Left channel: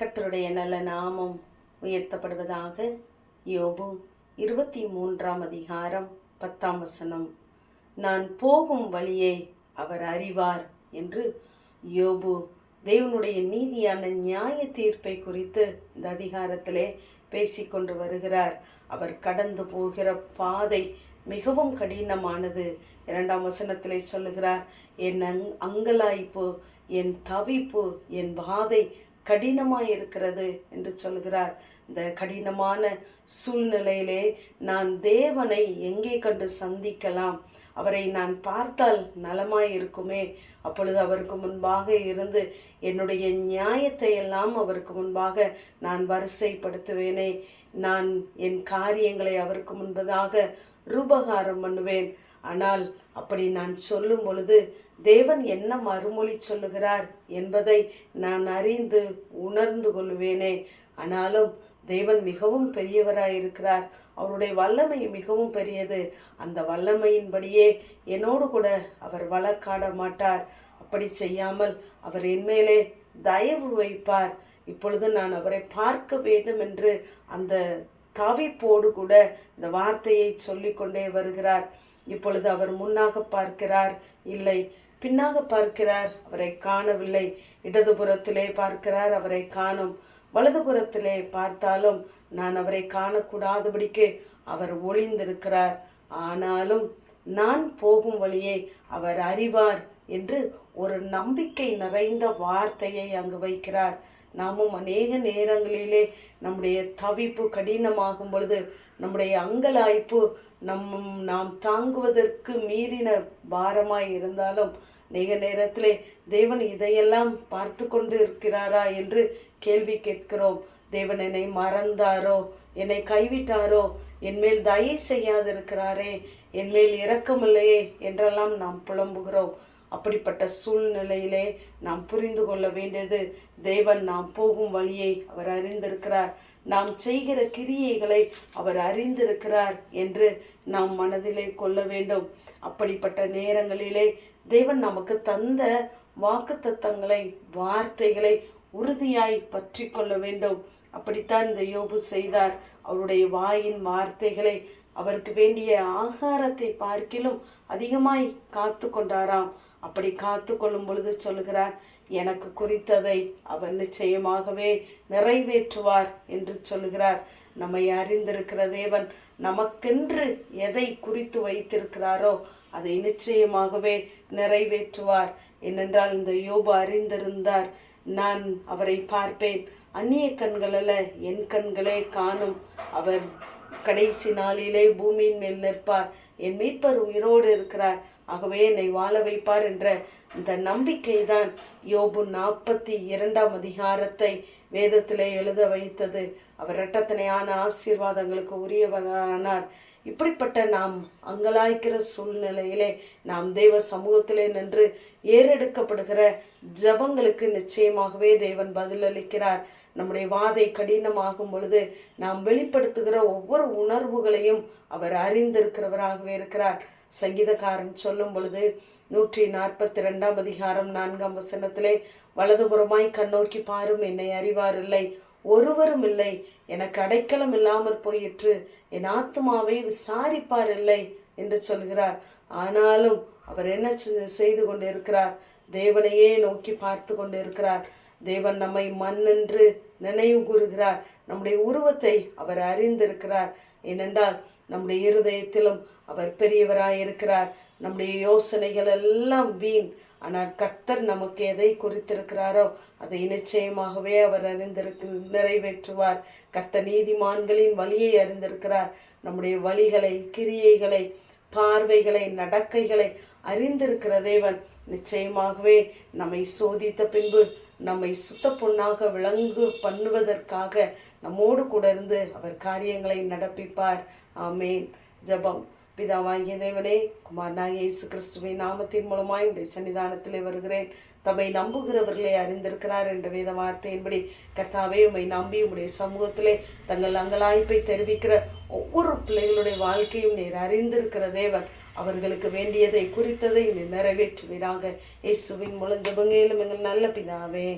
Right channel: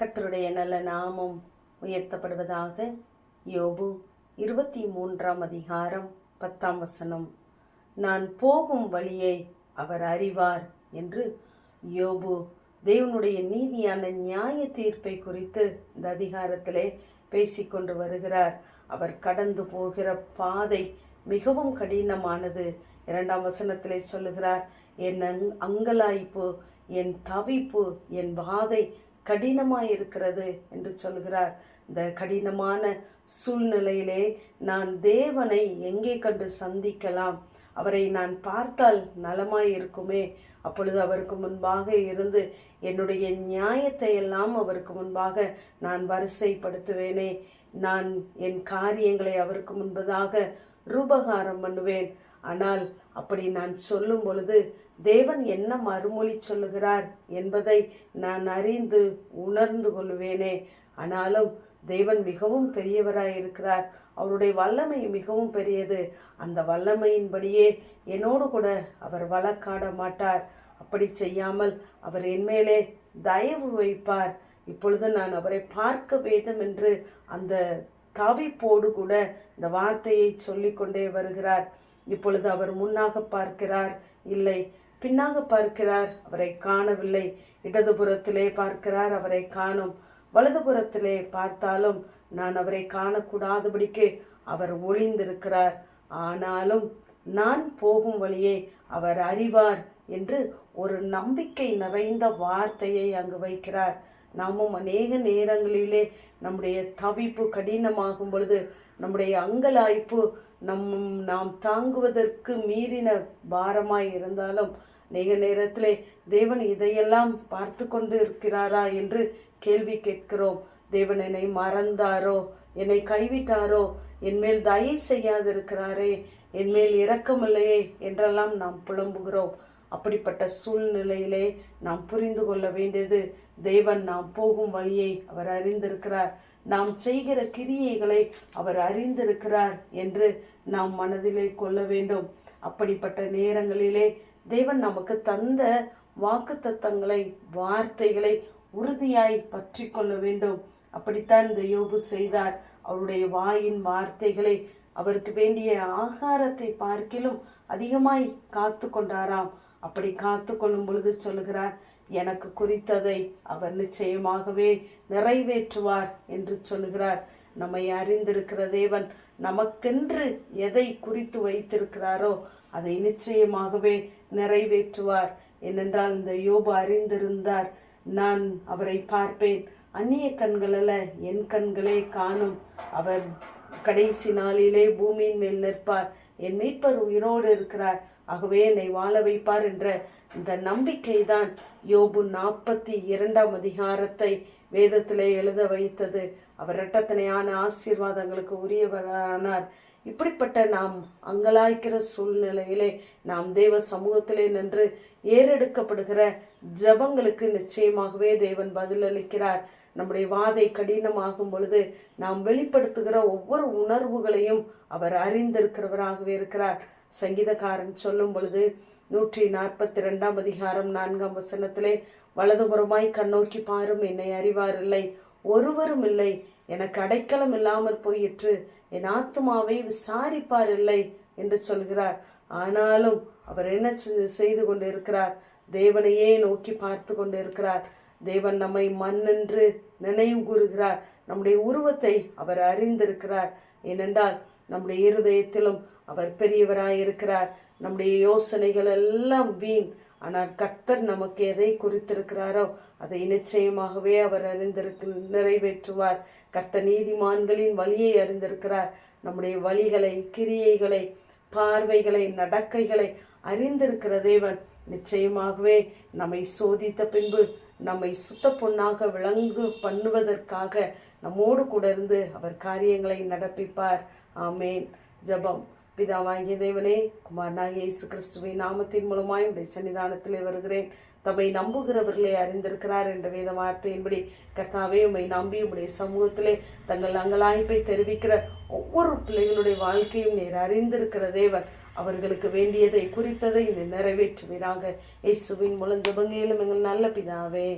கர்த்தருடைய நல்ல நாமம் உயர்த்தப்படுவதாக. யோபு 23ஆம் அதிகாரம் 10ஆம் வசனம். நான் போகும் வழியை அவர் அறிவார் என்று யோபு தேவனுடைய நீதியான நியாய தீர்ப்பை குறித்து இந்த அதிகாரத்திலே பேசிக்கொண்டு வருகிறார். அவர் கடந்து போகிற பாதை மிகவும் கடினமானது. 2ஆம் வசனத்திலே சொல்லுகிறார், என் அங்கலாய்ப்பு, என் தவிப்பு, என் பாதை கடினமாயிருக்கிறது என்று சொல்கிறார். இந்த கடினமான சூழ்நிலையிலே நான் தேவனை எங்கே கண்டு சந்திக்கலாம்? அவரை நான் பார்த்தால் நலமாயிருக்குமே. அப்பொழுது அவருக்கு முன்பாக இருந்து என்னுடைய நியாயத்தை எல்லாம் அவருக்கு முன்பாக நான் வரிசைப்படுத்துவேனே. நான் என் காரியங்களை அவருக்கு முன்பதாக ரூபகாரம் பண்ணுவேன். ஆனால் அப்படி நான் சொல்லும் பொழுது தேவன் என்ன மறுமொழி சொல்லுகிறார் என்பதை நான் அறிந்து உணர்ந்து கொள்வேனே. ஆனாலும் தேவன் மிகவும் பெரியவராயிருக்கிறார். அவருடைய வல்லமை மிகவும் பெரியது. அந்த வல்லமையின்படியே என்னோடு கூட அவர் வழக்காட மாட்டார். அப்படி செய்யாமல் அவர் என்மேலே தயவு வைப்பார். இப்பொழுது நான் அவரை பார்க்க வேண்டும் என்று அந்த தவிப்போடு கூட இந்த வார்த்தையை சொல்லிக்கொண்டே வருகிறார். இப்பொழுது அவர் முன்னாக பார்க்கிறார், இல்லை பின்னாக பார்க்கிறார், அவரை காணவில்லை. இடதுபுறத்திலே பார்க்கிறார், அவரை காணும். வலதுபுறத்திலே பார்த்தாலும் நான் அவரை காணக்கூடாதபடிக்கு அவர் ஒளிந்திருக்கிறார். ஆனாலும் நான் போகும் வழியை அவர் அறிவார் என்று ஒரு நம்பிக்கை நிறைந்த வார்த்தையை அங்கு வைக்கிறார். நாமும் அநேக நேரங்களிலே நம்முடைய தவிப்பு கடினமாகும் பொழுது, நம்முடைய அங்கலாய்ப்பு நாம் தாங்குவதற்கு மீறின பாரமாய் இருந்தாலும் அநேக நேரத்திலே தேவன் இதையெல்லாம் பார்த்து கொண்டு இருக்கிறாரா என்று கேள்வி கேட்கிறோம். தேவன் என்னை மறந்தாரோ, என்னை கைவிட்டாரோ, என்மேல் தயை செய்யாதிருக்கிறாரே, என்மேல் இரக்கமில்லையே என்றெல்லாம் நாம் புலம்புகிறோம். அப்படிப்பட்ட சூழ்நிலையிலே நாம் புரிந்து கொள்ள வேண்டியது, தேவன் நாம் போகும் வழியை அவர் அறிந்திருக்கிறார், நாம் செய்கிற கிரியைகளை அவர் அறிந்திருக்கிறார் என்று நாம் மனதிலே கொள்ள வேண்டும். அப்படிப்பட்ட நேரங்களிலே தேவன் நமக்கு தந்த வாக்குத்தத்தங்களை, வார்த்தைகளை உறுதியாய் பற்றி கொள்ள வேண்டும். அப்படித்தான் இந்த யோபு செய்தார். அவருடைய வாயின் வார்த்தைகளை, அவருக்கு வேண்டிய ஆகாரத்தை பார்க்கிலும் அதிகமாய் காத்து கொண்டாராம். அப்படி காத்து கொள்ளும் பொழுது சொல்லுகிறார், எனக்கு குறித்ததை அவர் நிச்சயமாகவே நிறைவேற்றுவார் என்று சொல்லுகிறார். நம்மை அறிந்திருக்கிற தேவன் நமக்கென்று எதை குறித்து வைத்திருக்கிறாரோ அதை நிச்சயமாகவே நிறைவேற்றுவார். ஏனென்றால் இந்த யோபு அறிந்திருந்தார், நான் அவரை பார்ப்பேன், அந்நிய கண்கள் அல்ல என் கண்களே காணும். அவர் கடைசி நாளிலே பூமியின் மேல் நிற்பார், என் மீட்பர் உயிரோடு இருக்கிறார், ஆகவே என்னை வாழ வைப்பார் என்ற இந்த நம்பிக்கை தான் யோபு 42ஆம் அதிகாரத்தை வேதத்திலே எழுத வைத்தது. அவர் இரட்டத்தனையான ஆசீர்வாதங்களுக்கு உரியவரானார். இப்படிப்பட்ட நாம் அங்கலாய்க்கிற சூழ்நிலையிலே நாம் தேவ சமூகத்திலே நின்று ஏறெடுக்கப்படுகிற ஜபங்களுக்கு நிச்சயமாகவே தேவன் பதிலளிக்கிறார். நம்முடைய வாதை கடினமாகும் பொழுது நாம் வெளிப்படுத்துகிற ஒவ்வொரு உணர்வுகளையும் அவர் அறிந்திருக்கிறவராகவே இருக்கிறார். சங்கீதக்காரன் சொல்லும் பொழுது 142ஆம் அதிகாரம் 4ஆம் வசனத்திலே, வலதுபுறமாய் கண்ணோக்கி பாரும், என்னை அறிவார் இல்லை, ஒருவரும் இல்லை, எனக்கு அடைக்கலம் இல்லாமல் போயிற்று, என் ஆத்துமாவை விசாரிப்பார் இல்லை என்று சொல்கிறார். ஆனாலும் அவர் என்ன செய்து கொண்டிருக்கிறார்? தேவனையே நோக்கி பார்த்து கொண்டிருக்கிறார். தேவன் நம்மை மண்ணென்று நினைவு கூறுகிறார். நம்முடைய உருவத்தை அவர் அறிந்திருக்கிறார். ஏனென்றால் நம்முடைய இருதயத்திலும் அவர் பெரியவராயிருக்கிறார். நம்முடைய யோசனைகள் எல்லாம் வீண். ஆனால் கர்த்தர் நமக்கு எதை குறித்திருக்கிறாரோ அதை நிச்சயமாகவே அவர் நிறைவேற்றுவார். கர்த்தர் நீதிமான்களின் வழியை அறிந்திருக்கிறார். நம்முடைய வழிகளை, கிரியைகளை, பார்வைகளை, நடக்கைகளை அறிந்திருக்கிற தேவன் நிச்சயமாகவே நம்மை சோதித்த பின்பு நம்மை சுத்த பொன்னாக விளங்கு பண்ணுவதற்காக நம்மோடு கூட இருந்து அவர் காரியங்களை நடப்பிப்பார். ஆமேன். ஜெபம். பிதாவாகிய தேவனே, குமாரனாகிய இயேசு கிறிஸ்துவின் நாமத்தின் மூலமாய் உடைய சன்னிதானத்திலே வருகிறேன். தம்மை நம்புகிறவர்களே அறிந்திருக்கிறார் என்ற வேத வார்த்தையின்படி கர்த்தாவே, உம்மை நம்பி உடைய சமூகத்திலே தங்கள் அங்கலாய்ப்பை தெரிவிக்கிற ஒவ்வொரு பிள்ளைகளுடைய வாழ்க்கையும் நீர் அறிந்திருக்கிற தேவன். அவர்களுக்கு வேண்டியதை குறித்ததை நீர் நிறைவேற்றுவீராக. இயேசுவின் மூலம் ஜெபங்களிலும் எங்கள் நல்ல பிதாவே.